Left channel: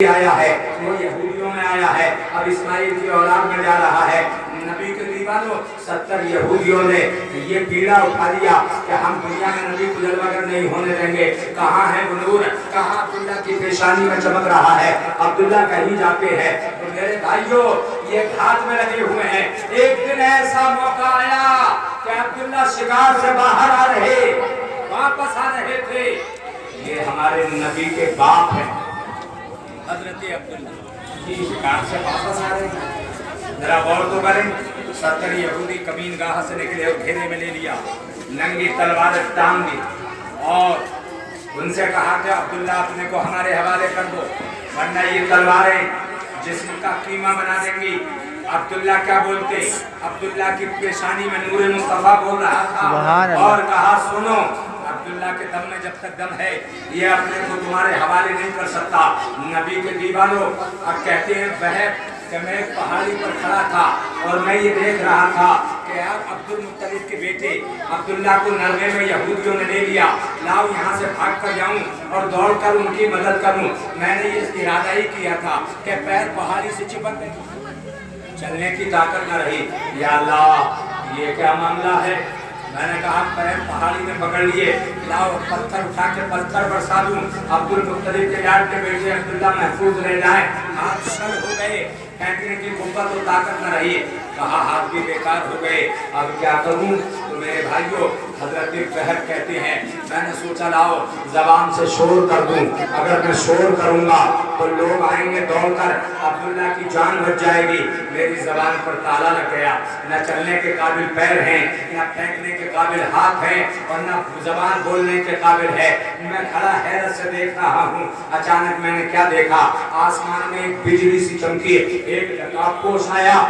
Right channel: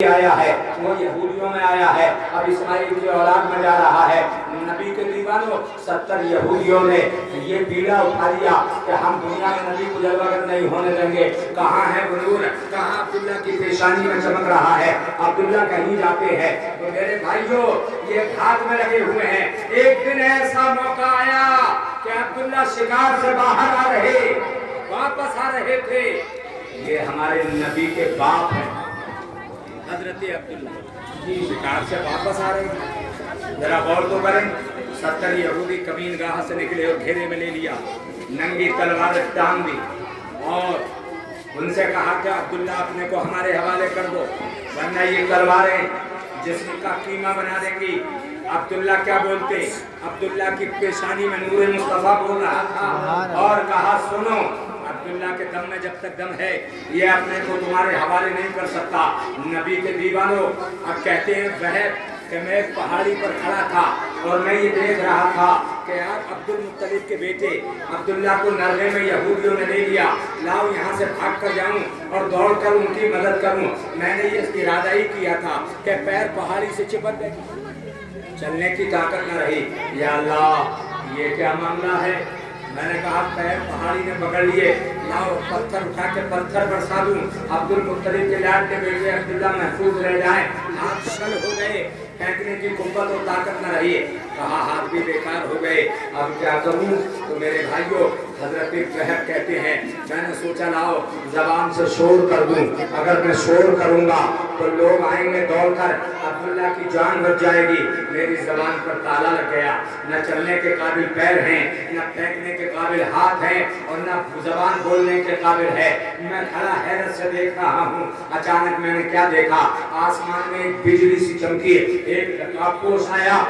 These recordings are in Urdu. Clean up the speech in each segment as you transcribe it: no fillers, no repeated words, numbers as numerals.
آیا ہے وہ یہودیوں میں آیا ہے، اب اسماعیل کی اولاد میں جا رہا ہے۔ نبی کے دیوانوں 70 یہودیوں نے یہ بیڑا اٹھا دیا کہ ہم دنیا میں نبی کو جلوہ گر نہیں ہونے دیں گے۔ کہاں ہے وہ نور، کہاں عبداللہ کی پیشانی میں چمک رہا ہے، عبداللہ کہیں جاتے ہیں۔ تو میرے بھائیوں یہ ہاتھ میں لگے ہوئے ہیں۔ ایک دن ایسا موقع آیا کہ عبداللہ شکار سے باہر آ رہے، واپس آ رہے تھے۔ یہ ہمارے نبی کے باپ ہیں حضرت عبداللہ، یہ شکار سے واپس آ رہے ہیں۔ ذرا غور تو کریں، 70 یہودی کمین گاہ سے نکلے اور گھیرے میں لے لیا، ننگی تلوار ٹانگ دی اور ان سے کہا کہ عبداللہ اپنے کو ہمارے حوالے کر دو ورنہ یہ تلواریں جسم کا قیمہ بنا دیں گی۔ عبداللہ کیا بولتے؟ عبداللہ کی پیشانی میں نور مصطفیٰ بول رہا تھا اور کہا سنو، عبداللہ کے دم میں جب تک دم ہے یہ اپنے کو تمہارے حوالے نہیں کر سکتا۔ نبی کے دیوانوں اب کہتے ہیں بہت کہ میں ایک پہاڑی پر کھڑا تھا اور میں یہ دیکھ رہا تھا کہ آپ عبد المطلب کے بیٹے عبداللہ کو نرغے میں یہودیوں نے لے لیا، لاؤ یہاں سے بھاگ کر جاؤں اور دوڑ کر ان کی مدد کروں۔ میں نے یہ ارادہ ہی کیا تھا کہ پیر پہاڑی سے چپک گئے، چلنے کی طاقت نہ رہی۔ یا اللہ یہ کیا معاملہ ہے؟ میں نے کہا پیر پہاڑی میں پکڑ لیے، لاؤ پتھر اٹھا کے پتھر برسا دوں، عبد المطلب کے لاڈ کے بیٹے عبداللہ محفوظ رہ جائیں۔ ہاتھ شل ہو گئے، پھینکنے کی قوت و طاقت نہ رہی، کہا ہاتھ بھی بیکار ہو گئے، اب کیا کروں؟ تو میرے بھائیوں حضرت بہت کہتے ہیں میں نے سوچا لاؤ زبان سے شور کر دوں، اگر میں شور کروں گا تو لوگ آئیں گے دوڑ کر، عبداللہ کی جان بچ جائے گی۔ میری زبان پر تالا لگ گیا، نہ چلنے کے قابل پیر ہیں، نہ پھینکنے کے قابل ہاتھ ہیں اور نہ زبان بولنے کے قابل ہے۔ میں کھڑا حیرت سے دیکھ رہا ہوں، اچانک میں نے کیا دیکھا؟ آسمان میں ایک بجلی سی چمکی، ایک نقاب آیا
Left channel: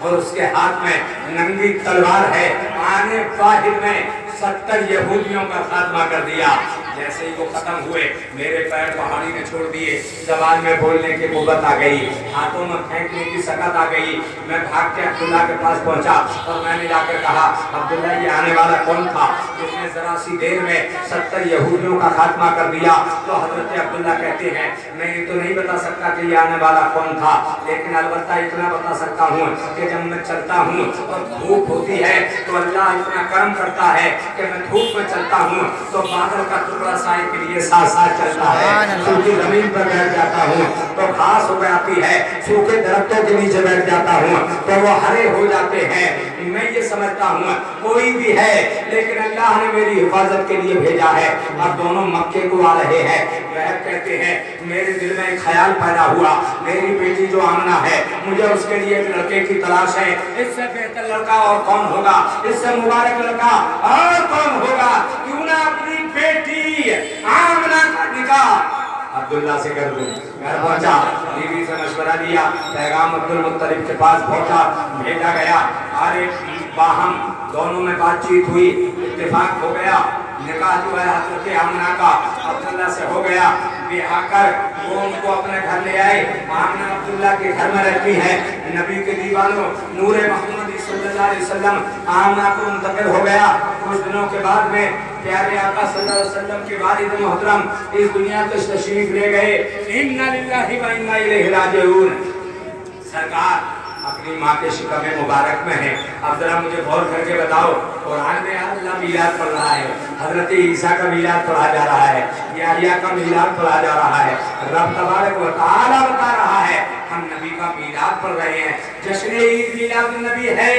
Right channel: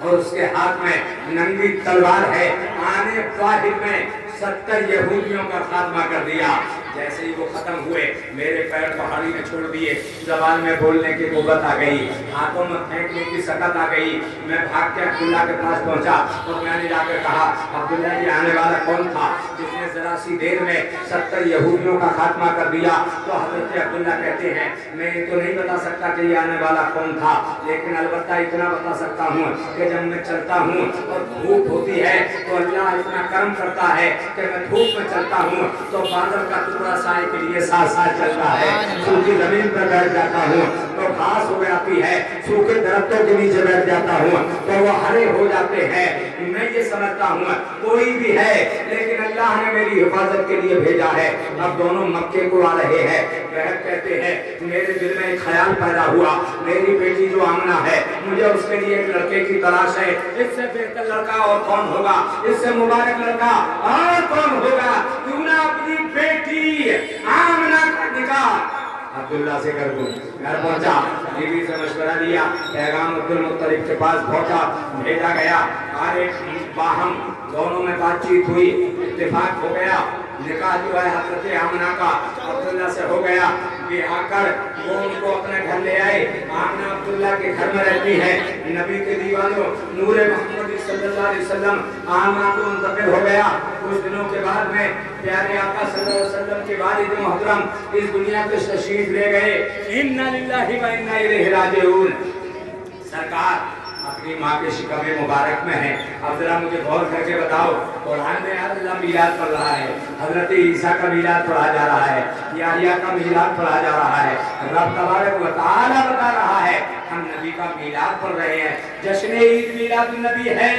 اور اس کے ہاتھ میں ننگی تلوار ہے، آنے واحد میں 70 یہودیوں کا خاتمہ کر دیا۔ جیسے ہی وہ ختم ہوئے میرے پیر پہاڑی نے چھوڑ دیے، زبان میں بولنے کی قوت آ گئی، ہاتھوں میں پھینکنے کی سکت آ گئی۔ میں بھاگ کے عبداللہ کے پاس پہنچا اور میں نے جا کر کہا عبداللہ یہ آنے والا کون تھا جس نے ذرا سی دیر میں 70 یہودیوں کا خاتمہ کر دیا؟ تو حضرت عبداللہ کہتے ہیں میں یہ تو نہیں بتا سکتا کہ یہ آنے والا کون تھا، لیکن البتہ اتنا بتا سکتا ہوں کہ جب میں چلتا ہوں اور دھوپ ہوتی ہے تو اللہ اتنا کرم کرتا ہے کہ میں دھوپ میں چلتا ہوں تو بادل کا ٹکڑا سائے کے لیے ساتھ ساتھ چلتا ہے، سوکھی زمین پر بیٹھ جاتا ہوں تو گھاس ہو جاتی ہے، سوکھے درختوں کے نیچے بیٹھ جاتا ہوں تو وہ ہرے ہو جاتے ہیں۔ میں یہ سمجھتا ہوں کوئی بھی ہے لیکن اللہ نے میری حفاظت کے لیے بھیجا ہے۔ اب دونوں مکے کو آ رہے ہیں، بہت کہتے ہیں میرے دل میں ایک خیال پیدا ہوا، میری بیٹی جو آمنہ ہے مجھے اس کے لیے ایک لڑکے کی تلاش ہے، اس سے بہتر لڑکا اور کون ہوگا، اس سے مبارک لڑکا اور کون ہوگا، کیوں نہ اپنی بیٹی آمنہ کا نکاح عبداللہ سے کر دوں۔ گھر پہنچا، بیوی سے مشورہ لیا، پیغام عبد المطلب کے پاس پہنچا، بھیجا گیا، آرے باہم دونوں میں بات چیت ہوئی، اتفاق ہو گیا، نکاح جو ہے حضرت آمنہ کا عبداللہ سے ہو گیا۔ بیاہ کر وہ ان کو اپنے گھر لے آئے، آمنہ عبداللہ کے گھر میں رہتی ہے۔ نبی کے دیوانوں نور محمد صلی اللہ علیہ وسلم آمنہ کو منتقل ہو گیا۔ کچھ دنوں کے بعد میں پیارے آقا صلی اللہ علیہ وسلم کے والد محترم اس دنیا کو تشریف لے گئے۔ اِنَّا لِلَّهِ وَإِنَّا إِلَيْهِ رَاجِعُونَ۔ سرکار اپنی ماں کے شکم مبارک میں ہیں، اب ذرا مجھے غور کر کے بتاؤ قرآن میں اللہ میلاد پڑھ رہا ہے، حضرت عیسیٰ کا میلاد پڑھا جا رہا ہے، یحییٰ کا میلاد پڑھا جا رہا ہے، رب تبارک و تعالیٰ بتا رہا ہے ہم نبی کا میلاد پڑھ رہے ہیں، جشن عید میلاد النبی ہے۔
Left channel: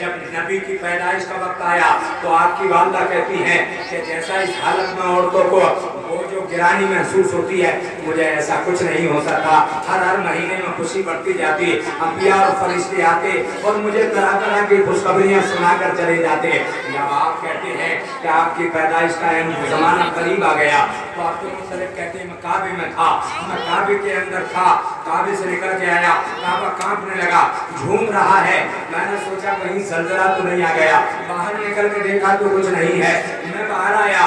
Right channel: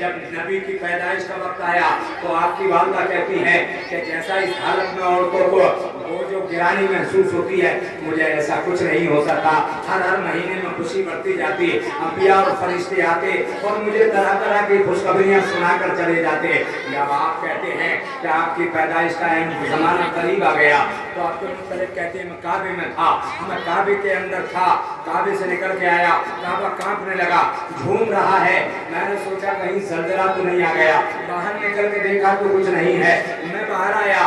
جب نبی کی پیدائش کا وقت آیا تو آپ کی والدہ کہتی ہیں کہ جیسا اس حالت میں عورتوں کو وہ جو گرانی محسوس ہوتی ہے مجھے ایسا کچھ نہیں ہو سکتا۔ ہر مہینے میں خوشی بڑھتی جاتی، انبیاء اور فرشتے آتے اور مجھے طرح طرح کی خوشخبریاں سنا کر چلے جاتے۔ جب آپ کہتے ہیں کہ آپ کی پیدائش کا زمانہ قریب آ گیا تو آپ کے مختلف کہتے ہیں میں کعبے میں تھا، میں کعبے کے اندر تھا، کعبے سے نکل کے آیا، کعبہ کانپنے لگا، جھوم رہا ہے، میں نے سوچا کہیں زلزلہ تو نہیں آ گیا، باہر نکل کے دیکھا تو کچھ نہیں ہے، میں باہر آیا،